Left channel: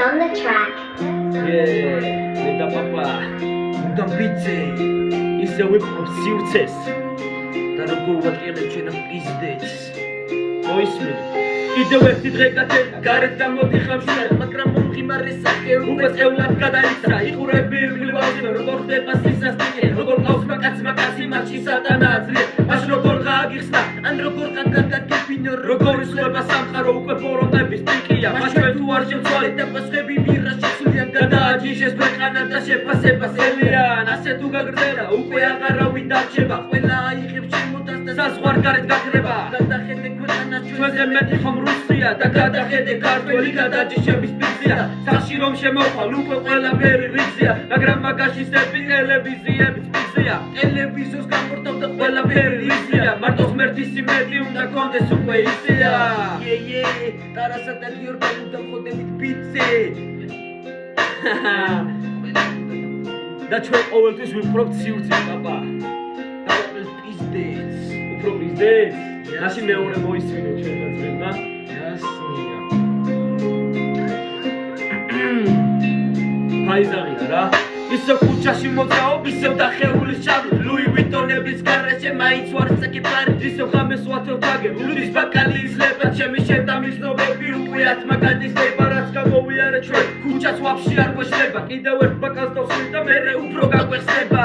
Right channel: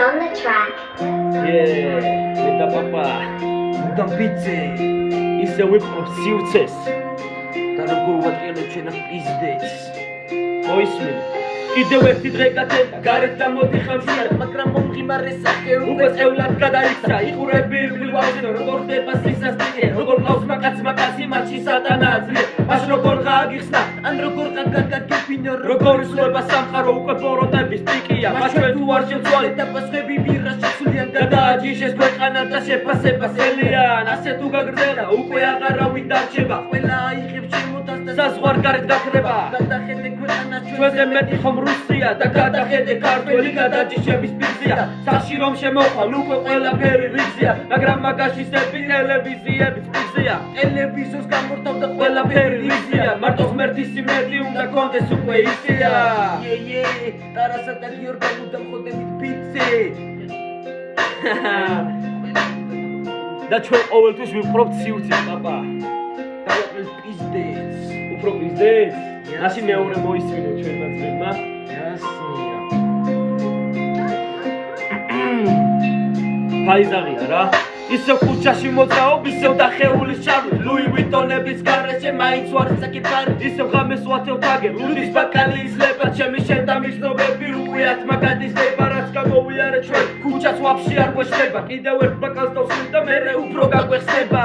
on the track. Nenda papa, udam pizze, ისე ვიპყრობ სივრცეს და როგორ ვაყენებ ჩვენ ამ პიზდებს. მოისმინე. კიდევ ერთი დღე გათენდა, გარეთ გამოდი ხამშიარა, მაგრამ მომღიმარე სახე უკვე წევლად გადაიქცა. იყურები ირგლივაზე, როგორ ხდება სისასტიკე, როგორ ყავს მაკაცი მათში სატანა ძლე. მას როგორ გააგიხსნა, ან როგორ გაგაგიფინო, როგორ ისლება სამყარო უკვე ბოროტების პიკია. მას ჩვენ თუ არ შევცვალეთ და პასხები ვირაში სულიან გადააჯიშეს ქვეყანა და შეფასება სელიან. ასე თუ გაგრძელდა, უკვე აღარავინ დარჩება. ყველა აიღებს შემოტანს და საზღვარგარეთ გაქრება. გადახედე ქვეყანა ჩვენზე მეტი ხომ რუსია და გადახედე ქართველი გადაჯიშების პიკზია. სახში რომ შემოხვალ უკვე ყველაფერი რიგზია, მაგრამ მაგაში სეპი ტელევიზიების პიკზია. ტელევიზორს გამორთავდა ყველაფერი რიგზია, მარტო ღმერთის იმედი უნდა გქონდეს უკვე ისია. ტარასა და გიორგი დამხოდებით პიცე. და ჩვენ ყოველთვის ვიპყრობთ სივრცეს, პაპა. დავაყენთ პიზდებს. უფრო პიზდებს? რაში მეორე მოისმინო ჩვენ ნაწლებმა? jasnia. ფაიზაღია რა. ისევ ქუჩაში მოძრაობ, ისევ დახეულის შარვით, ლუი ვიტონების გარეშე მაინც ვარ საკიფარი. ისევ ღამეს ვათევ თაგე, ლუდის ბაკალი ძლება, ჩემი შენ და მისნობები უყვიათ მაგადის დება, რაც გამოვიარე ჩვენ. ქუჩაც ვაფშე არ გვეშლება, კიდევ ერთ ბაკალს დავსვით და მერე უფრო გაგვეხსნება.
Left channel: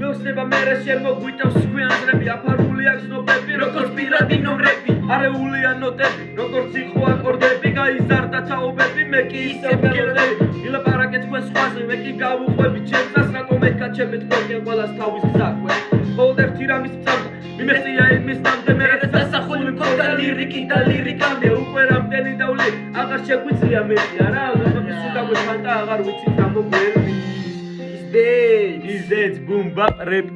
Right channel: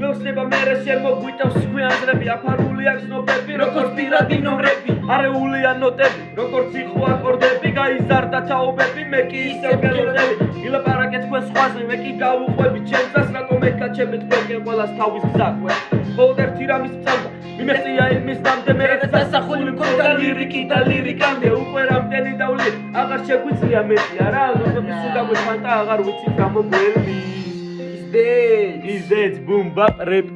მეხსნება მერე შემოგვიტევს გვიანძრები, აფარული აქვს ნობები, როგორც პირადი ნომრები, არეულია ნოტები, როგორც იყო აკორდები, გაიზარდა თაობები, მე კი ისევ ველოდები, ილაპარაკეთ თქვენ სხვაზე, მე კი გავუყვები ჩემს, რატომ ეკაჩებთ თქვენ ყველას თავის გზაქვე. ბოლოდ ერთი რამის წამდა, მიმეწია იმის ნამდე, მე დასახული მქონდა ლირიკი და ლირიკამდე, უკვე რამდენი დავლი, აღარ შეგვიძლია მეტი, არა, ზოგადად სულაგო ხანტა აღარ ვიცით რა მოგვერდის. Is that boom bap rap